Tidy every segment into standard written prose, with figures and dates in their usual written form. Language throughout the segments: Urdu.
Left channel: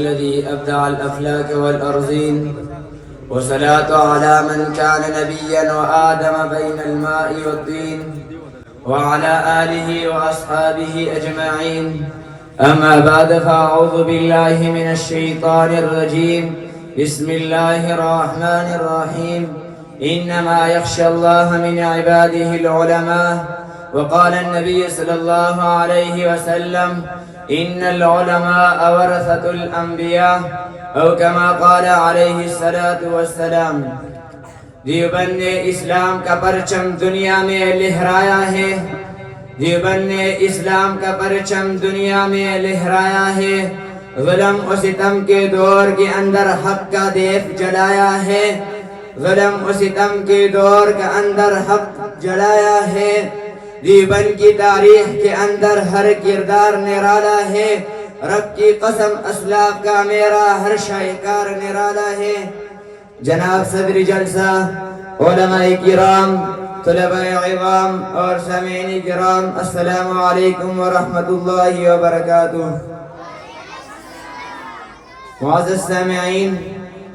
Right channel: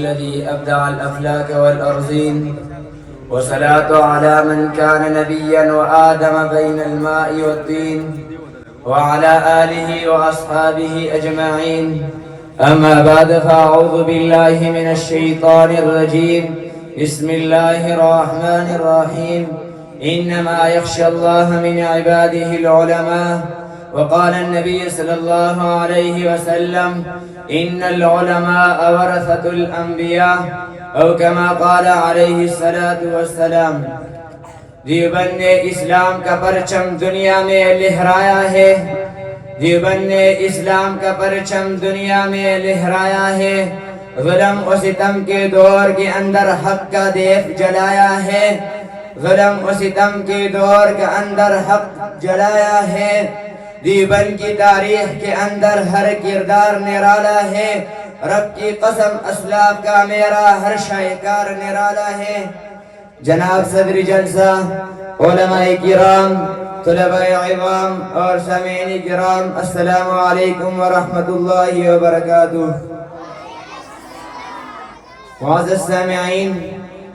الذي أبدع الأفلاك والأرضين، وصلاة على من كان نبيا وآدم بين الماء والطين، وعلى آله وأصحابه أجمعين. أما بعد، فأعوذ بالله من الشيطان الرجيم. بسم الله الرحمن الرحيم. إنما يخشى الله من عباده العلماء. وقال النبي صلى الله عليه وسلم: إن العلماء ورثة الأنبياء، أو كما قال عليه الصلاة والسلام. دیوبند نے اسلام کا پرچم دنیا میں لہرایا ہے. دیوبند نے اسلام کا پرچم دنیا میں لہرایا ہے. ظلم و ستم کے دور کے اندر حق کا دیپ جلایا ہے. ظلم و ستم کے دور کے اندر حق جلایا ہے. دیوبند کی تاریخ کے اندر ہر کردار نرالا ہے. رب کی قسم اسلاف کا میرا ہر شاہکار نرالا ہے. جناب صدر جلسہ، علماء کرام، طلباء عظام اور سامعین کرام، السلام علیکم ورحمۃ اللہ وبرکاتہ. معزز سامعین،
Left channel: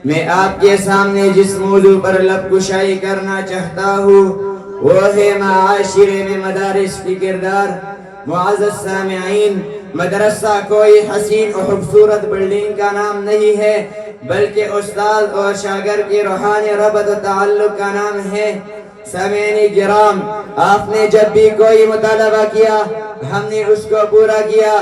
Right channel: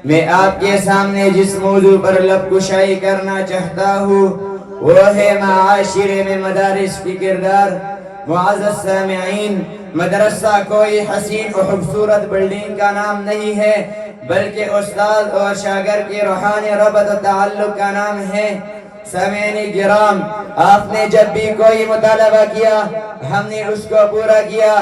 میں آپ کے سامنے جس موضوع پر لب کشائی کرنا چاہتا ہوں وہ ہے معاشرے میں مدارس کی کردار. معزز سامعین، مدرسہ کوئی حسین و خوبصورت بلڈنگ کا نام نہیں ہے، بلکہ استاد اور شاگرد کی روحانی ربط و تعلق کا نام ہے. سامعین کرام، آپ نے جب بھی کوئی مطالبہ کیا ہم نے اس کو پورا کیا.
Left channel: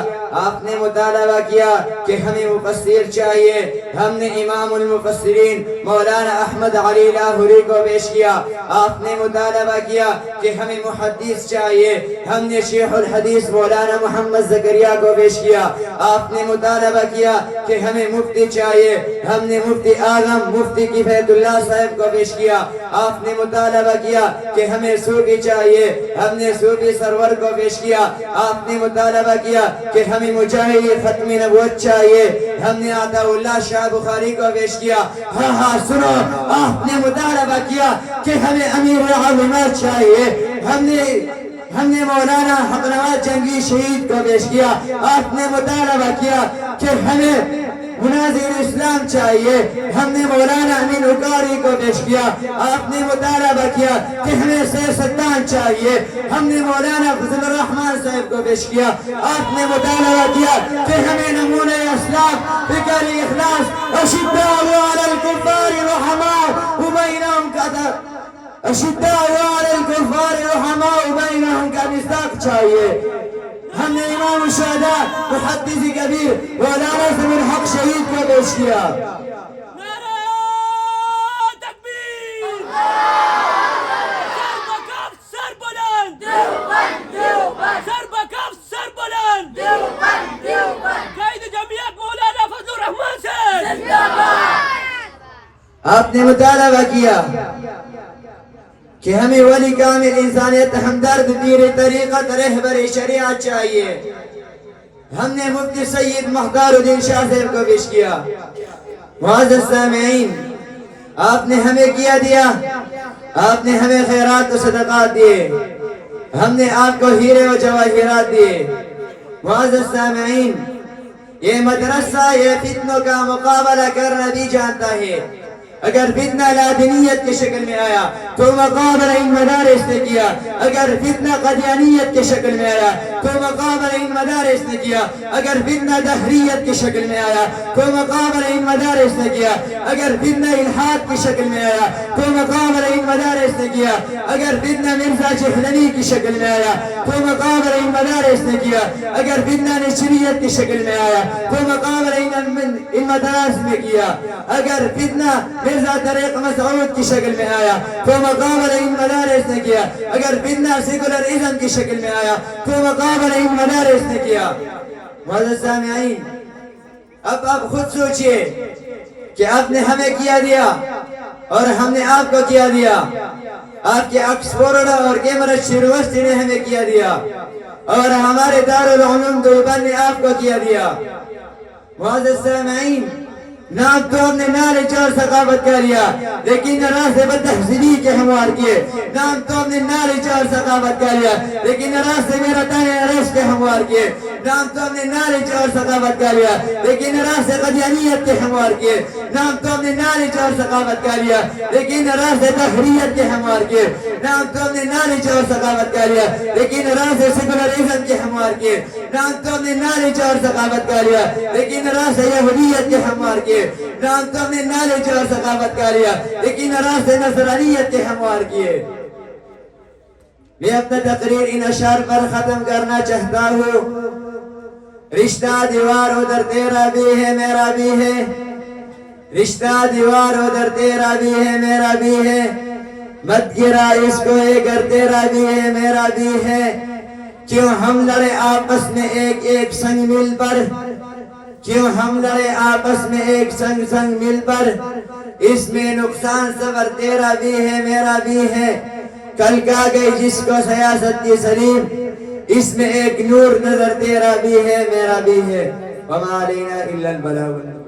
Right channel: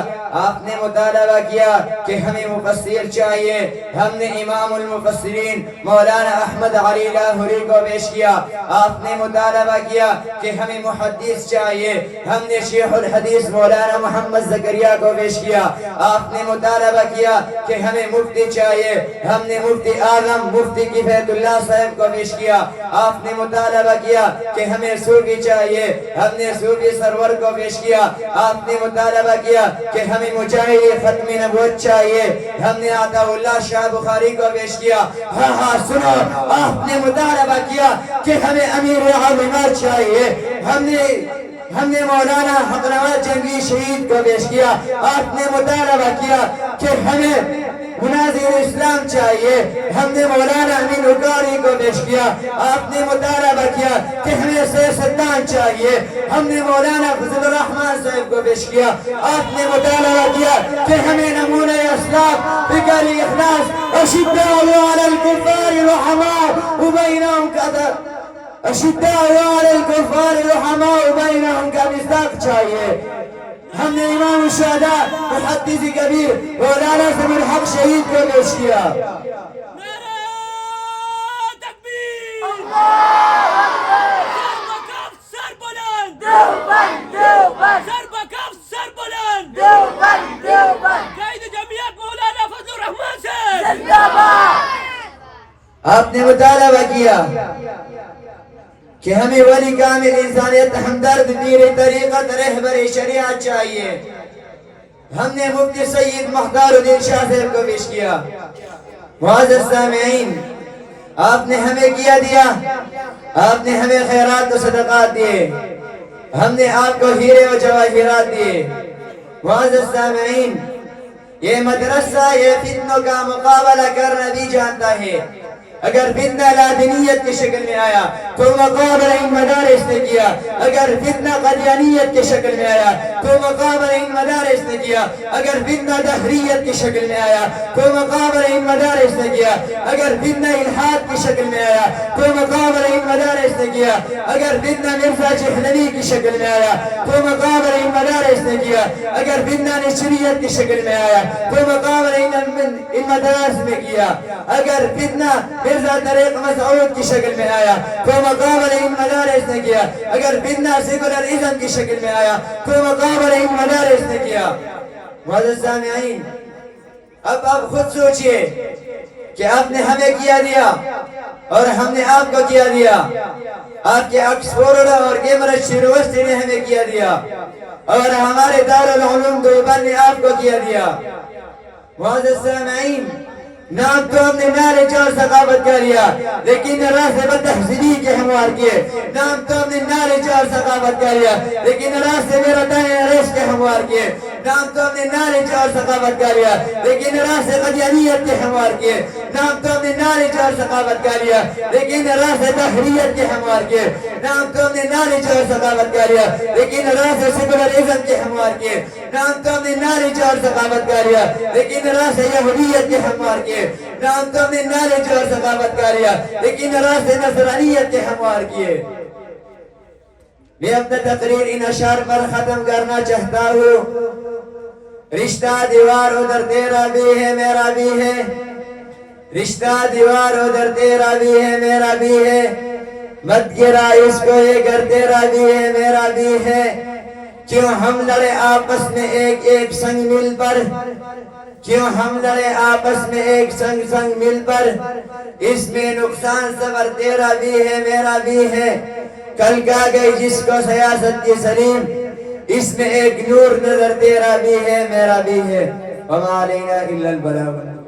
آپ نے مطالبہ کیا کہ ہمیں مفسر چاہیے، ہم نے امام المفسرین مولانا احمد علی لاہوری کو پیش کیا. آپ نے مطالبہ کیا کہ ہمیں محدث چاہیے، ہم نے شیخ الحدیث مولانا محمد زکریا کو پیش کیا. آپ نے مطالبہ کیا کہ ہمیں مفتی چاہیے، ہم نے مفتی اعظم مفتی کفایت اللہ صاحب کو پیش کیا. آپ نے مطالبہ کیا کہ ہمیں صوفی چاہیے، ہم نے صوفی سرور کو پیش کیا. آپ نے مطالبہ کیا کہ ہمیں مجاہد ختم نبوت چاہیے، ہم نے عطا اللہ شاہ بخاری کو پیش کیا. ہاں سنو، آپ نے مطالبہ کیا کہ ہمیں امیر علماء چاہیے، ہم نے مولانا حق نواز جنگی شہید کو پیش کیا. آپ نے مطالبہ کیا کہ ہمیں مناظر اسلام چاہیے، ہم نے مولانا امین اکاری کو پیش کیا. آپ نے مطالبہ کیا کہ ہمیں سید سلطان چاہیے، ہم نے مولانا فضل الرحمن صاحب کو پیش کیا. آپ نے مطالبہ کیا کہ ہمیں نمونہ اسلام فکر اخلاص اشداء علی الکفار رحماء بینہم کا مصداق چاہیے. ہم نے امام الشہداء محدث کبیر مولانا سمیر حق شہید کو پیش کیا. نعرہ تکبیر! اللہ اکبر! سر بلند! دیوبند! دیوبند! سر بکف سر بلند! دیوبند! دیوبند! قائد جمعیت مولانا فضل الرحمن سے زندہ باد! آپ نے مطالبہ کیا کہ ہمیں ولی کامل انسانیت ہمدرد پیر طریقت رہبر شریعت چاہیے. ہم نے مفتی سید مختار الدین شاہ صاحب کو پیش کیا. معزز سامعین، آپ نے ہمیں کیا دیا، آپ نے ہمیں خیرات و صدقات دیے، ہم نے آپ کو ہیرے و جواہرات دیے. معزز سامعین، یہ مدرسہ یہ فتنوں کا مقابلہ کرنا بھی جانتا ہے. اگر فتنہ لادینیت کی شکل میں آیا تو مقابلہ ان مدارس نے کیا. اگر فتنہ قدیانیت کی شکل میں آیا تو مقابلہ ان مدارس نے کیا. اگر فتنہ دہریت کی شکل میں آیا تو مقابلہ ان مدارس نے کیا. اگر فتنہ الحاد کی شکل میں آیا تو مقابلہ ان مدارس نے کیا. اگر فتنہ مرزا جہنوی کی شکل میں آیا تو مقابلہ ان مدارس نے کیا. اگر فتنہ نشریت کی شکل میں آیا تو مقابلہ ان مدارس نے کیا. اگر فتنہ مرزا طریق مسعود کی شکل میں آیا تو مقابلہ ان مدارس نے کیا. اگر فتنہ سیکولرازم کی شکل میں آیا تو مقابلہ ان مدارس نے کیا. معزز سامعین، اب آپ خود سوچئے کہ آپ نے ہمیں کیا دیا اور ہم نے آپ کو کیا دیا. آپ کے آکسفورڈ اور کیمبرج یونیورسٹی نے ہمیں کیا دیا اور ہمارے دارالعلوم دیوبند نے آپ کو کیا دیا. معزز سامعین، نام تو ہم نے نالج اور ثقافت کا لیا لیکن راستے بد تہذیبی کے ہموار کیے. نام تو ہم نے نالج اور ثقافت کا لیا لیکن راستے میں رتانے ریش کے ہموار کیے. نام تو ہم نے نالج اور ثقافت کا لیا لیکن راستے قدیانیت کے ہموار کیے. نام تو ہم نے نالج اور ثقافت کا لیا لیکن راستے تحریت کے ہموار کیے. نام تو ہم نے نالج اور ثقافت کا لیا لیکن راستے سیکولرزم کے ہموار کیے. نام تو ہم نے نالج اور ثقافت کا لیا لیکن راستے یہودیت کے ہموار کیے. نام تو ہم نے نالج اور ثقافت کا لیا لیکن راستے نصرانیت کے ہموار کیے. میں اپنا تقریر ان اشعار پر ختم کرنا چاہتا ہوں. رشتہ دیوار ادھر تیرا بھی ہے میرا بھی ہے. رشتہ دیوار ادھر تیرا بھی ہے میرا بھی ہے. مت گرا اس کو یہ گھر تیرا بھی ہے میرا بھی ہے. کیوں ہم لڑے آپس میں ایک ایک سنگ مل پر. کیوں ہم لڑے آپس میں ایک سنگ مل پر. اس میں نقصان صبر تیرا بھی ہے میرا بھی ہے. کل کا گئی جس کو سیاست کی سلیم اس میں ایک نور نظر تیرا بھی ہے میرا بھی ہے. وما علینا الا البلاغ.